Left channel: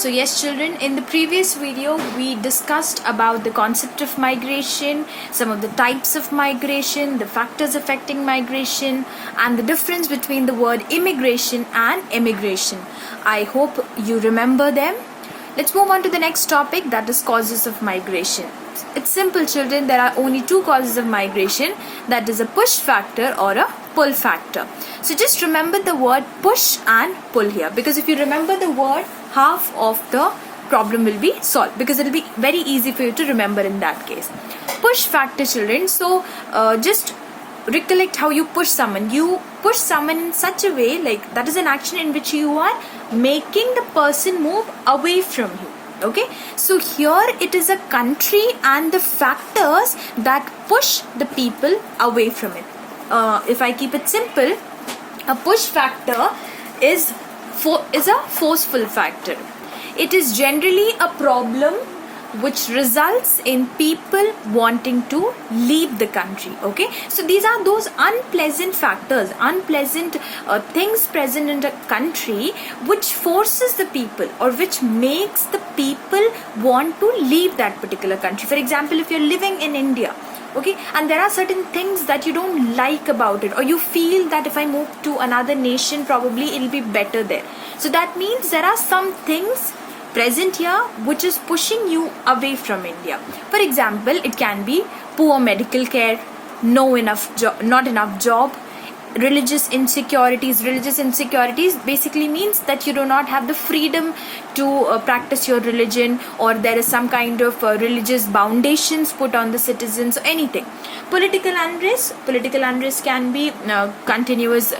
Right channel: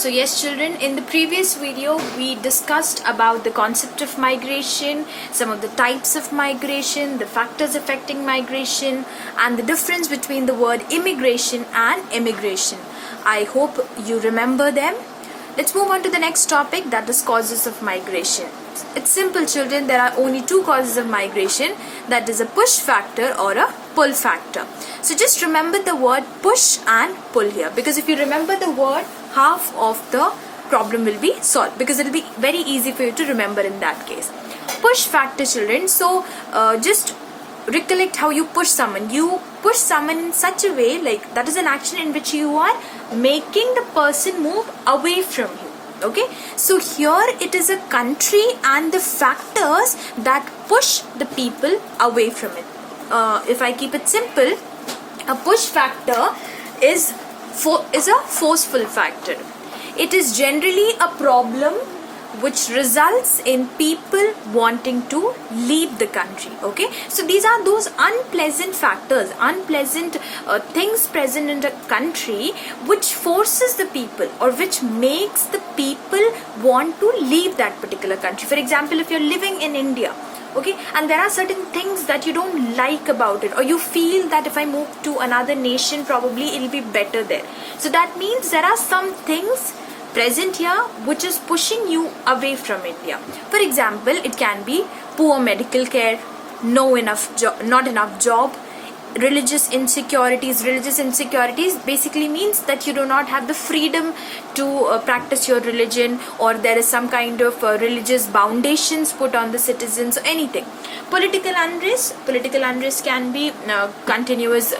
So yes children, in the previous video we discussed about the concept of migration, some of the types of migration, the factors affecting migration, and the difference between the word immigration and immigration. I hope you remember them. Let's move on to the next topic, that is causes of migration. It's simple children, there are only two causes of migration, that is a push factor or a pull factor. So just remember the word push and pull here, because if you remember the word, half of the problem will be solved, because it will be very easy for you to remember in that case. Push factor children, so just recollect how you push someone. You push someone in such a way, like that is an action in which you are making the person move away from you. Okay, so here it is a country and the factors that push the people away from it. If I keep it simple, a push factor is a forceful factor. It is generally a problem which results in people wanting to leave the country. Okay, so these are those unpleasant factors, unpleasant things present in the country which forces the people or which makes the people want to leave that particular country. For example, if you're living in India, okay, and there are certain things that you don't like about it, or you feel that if I move to another nation probably it'll be better there. So that means there are some things present here which is pushing you away from India. For example, it can be poor medical care, not enough job, religious insecurities. Religious insecurities basically means that you do not have the freedom to practice your religion, or there is some kind of religious foundations put on the citizens, or anything. Political unrest can be continuous,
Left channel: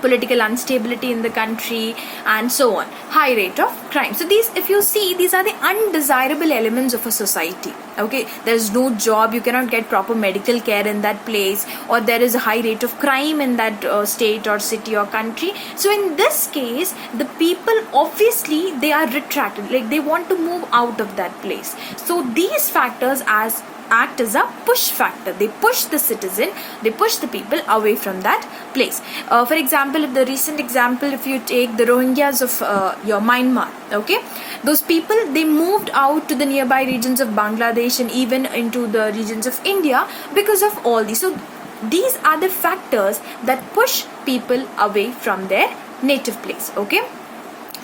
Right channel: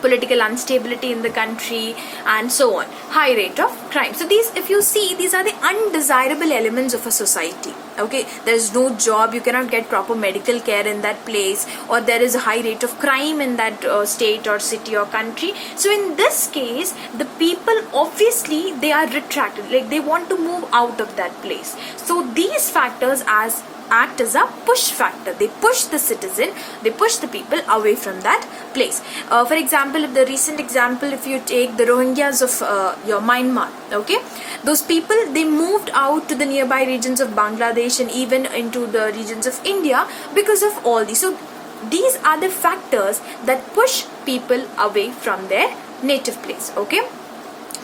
political instability in the country, and so on. High rate of crime. So these, if you see, these are the undesirable elements of a society. Okay, there is no job, you cannot get proper medical care in that place, or there is a high rate of crime in that state or city or country. So in this case, the people obviously they are retracted, like they want to move out of that place. So these factors act as a push factor. They push the citizen, they push the people away from that place. For example, if the recent example, if you take the Rohingyas of your Myanmar, okay, those people, they moved out to the nearby regions of Bangladesh and even into the regions of India because of all these. So these are the factors that push people away from their native place. Okay,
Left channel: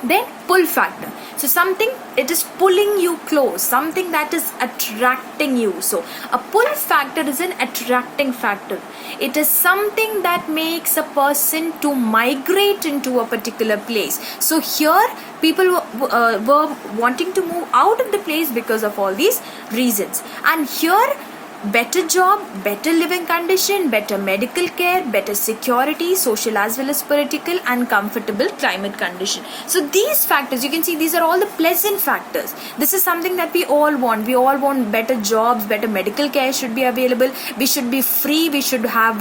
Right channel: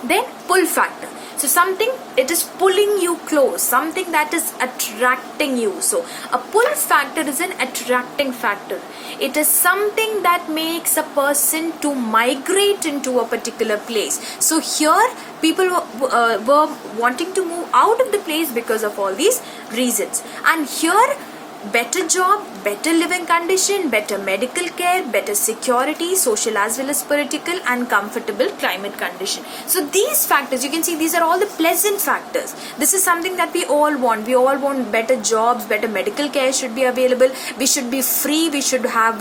then pull factor. So something, it is pulling you close, something that is attracting you. So a pull factor is an attracting factor. It is something that makes a person to migrate into a particular place. So here people were wanting to move out of the place because of all these reasons. And here, better job, better living condition, better medical care, better security, social as well as political, and comfortable climate condition. So these factors, you can see, these are all the pleasant factors. This is something that we all want. We all want better jobs, better medical care should be available. We should be free. We should have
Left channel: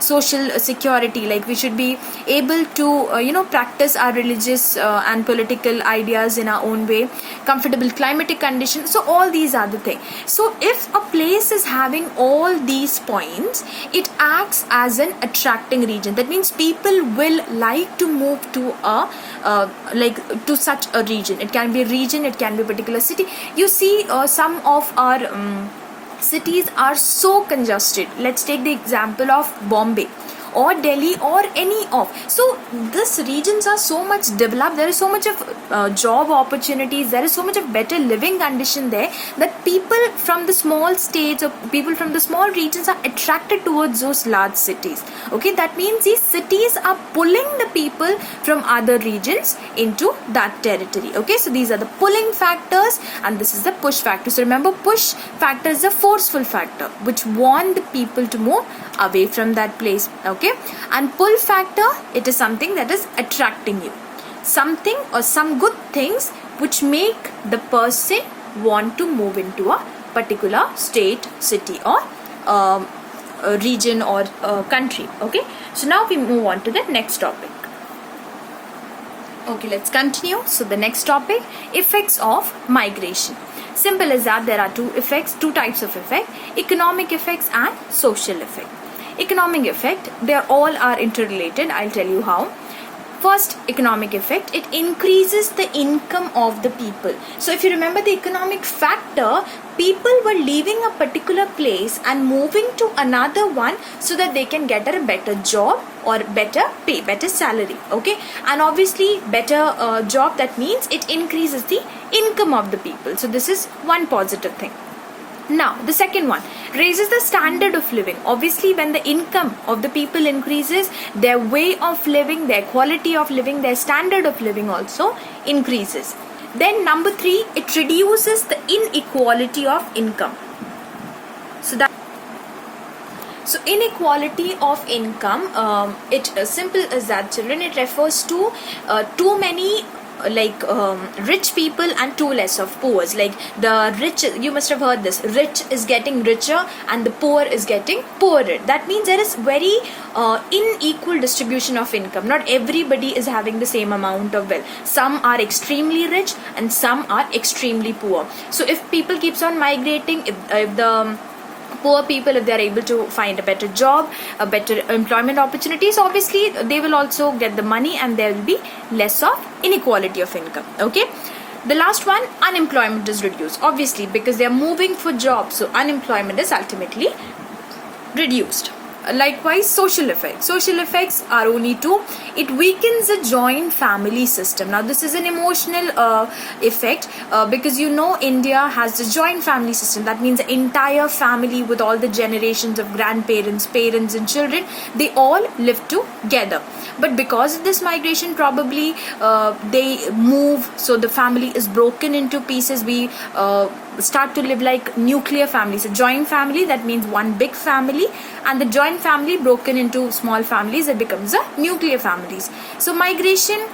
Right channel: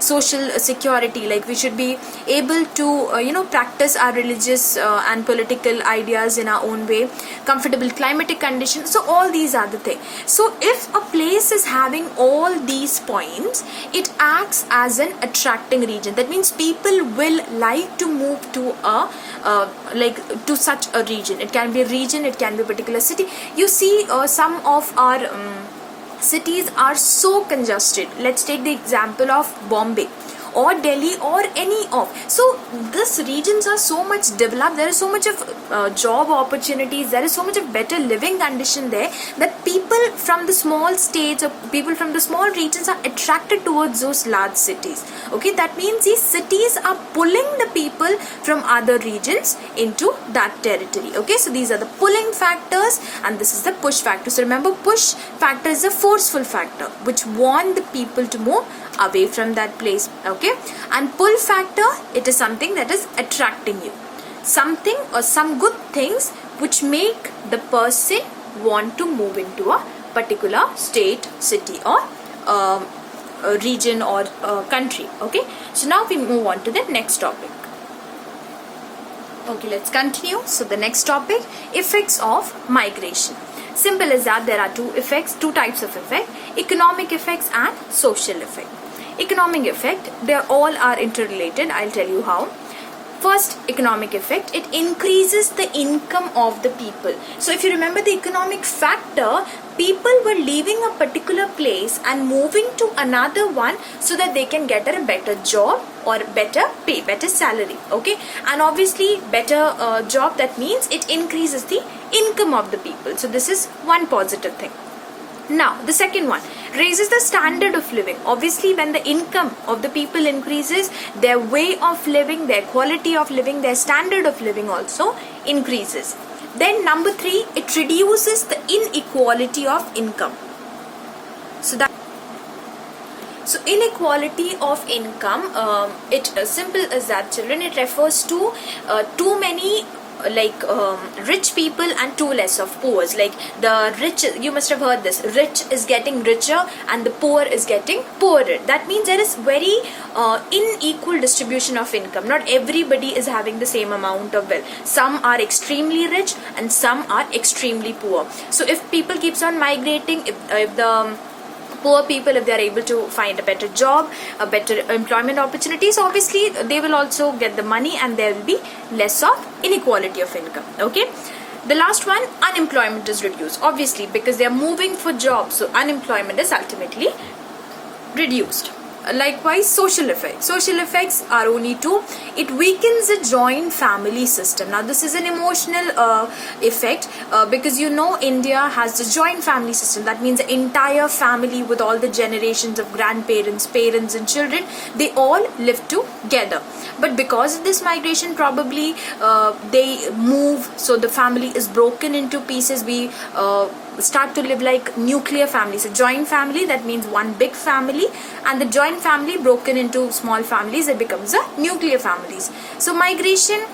social security. Like we should be able to, practice our religious and political ideas in our own way. Comfortable climatic condition. So all these are the things. So if a place is having all these points, it acts as an attracting region. That means people will like to move to to such a region. It can be a region, it can be a particular city. You see, some of our cities are so congested. Let's take the example of Bombay or Delhi or any of. So these regions are so much developed, there is so much of job opportunities, there is so much of better living condition there, that people from the small states or people from the small regions are attracted towards those large cities. Okay, that means these cities are pulling the people from other regions into that territory. Okay, so these are the pulling factors and this is the push factor. So remember, push factor is a forceful factor which want the people to move away from that place. Okay, and pull factor, it is something that is attracting you, something or some good things which make the person want to move into a particular state, city, or region or country. Okay, so now we move on to the next topic. Okay, let's continue. So the next topic, effects of migration. Simple as that, there are two types of effect: economic effects and social effect. Economic effect, they all are interrelated. I'll tell you how. First economic effect, it increases the income of the people. So if you remember the economic factor, people were leaving a particular place and moving to another one so that they can get a better job or better pay, better salary. Okay, and obviously better job, that means it increases the income of the people. So this is one positive thing. Now the second one, raises the standard of living. Obviously when the income of the people increases, their way of living, their quality of living, their standard of living also increases. Then number 3, it reduces the inequality of income. So inequality of income, it simple as that, children. It refers to too many rich people and too less of poor. Like the rich, you must have heard this, rich is getting richer and the poor is getting poorer. That means there is very unequal distribution of income. Not everybody is having the same amount of wealth. Some are extremely rich and some are extremely poor. So if people keeps on migrating, if the poor people, if they are able to find a better job, a better employment opportunities, obviously they will also get the money and there will be less of inequality of income. Okay, the last one, unemployment is reduced, obviously because they are moving for jobs, so unemployment is ultimately reduced. Likewise, social effects. Social effects are only two. It weakens the joint family system. Now this is an emotional effect because you know India has the joint family system. That means the entire family with all the generations of grandparents, parents and children, they all live together. But because of this migration, probably they move, so the family is broken into pieces. We start to live like nuclear families. A joint family, that means one big family, and the joint family broken into small families, it becomes a nuclear families. So migration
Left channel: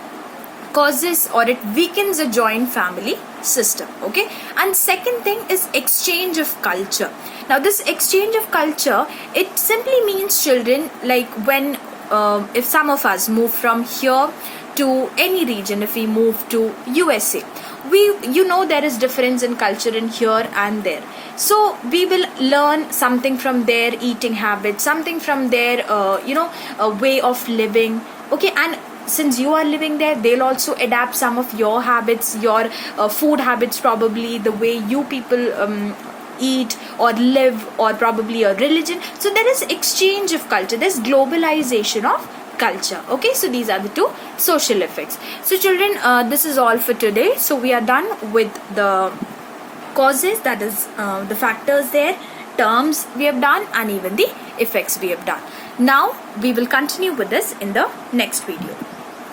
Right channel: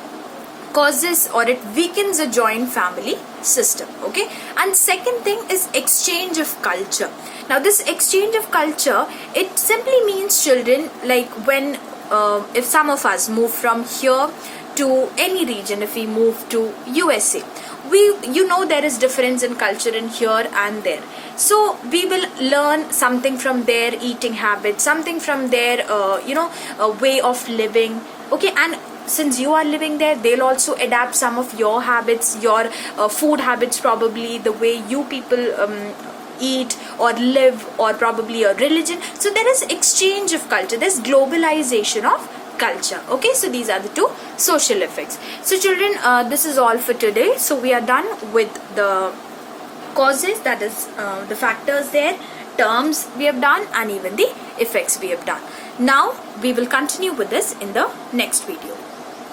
causes or it weakens a joint family system. Okay, and second thing is exchange of culture. Now this exchange of culture, it simply means, children, like when if some of us move from here to any region, if we move to USA, there is difference in culture in here and there. So we will learn something from their eating habits, something from their way of living. Okay, and since you are living there, they'll also adapt some of your habits, your food habits, probably the way you people eat or live, or probably a religion. So there is exchange of culture, there's globalization of culture. Okay, so these are the two social effects. So children, this is all for today. So we are done with the causes, that is the factors there, terms we have done, and even the effects we have done. Now we will continue with this in the next video.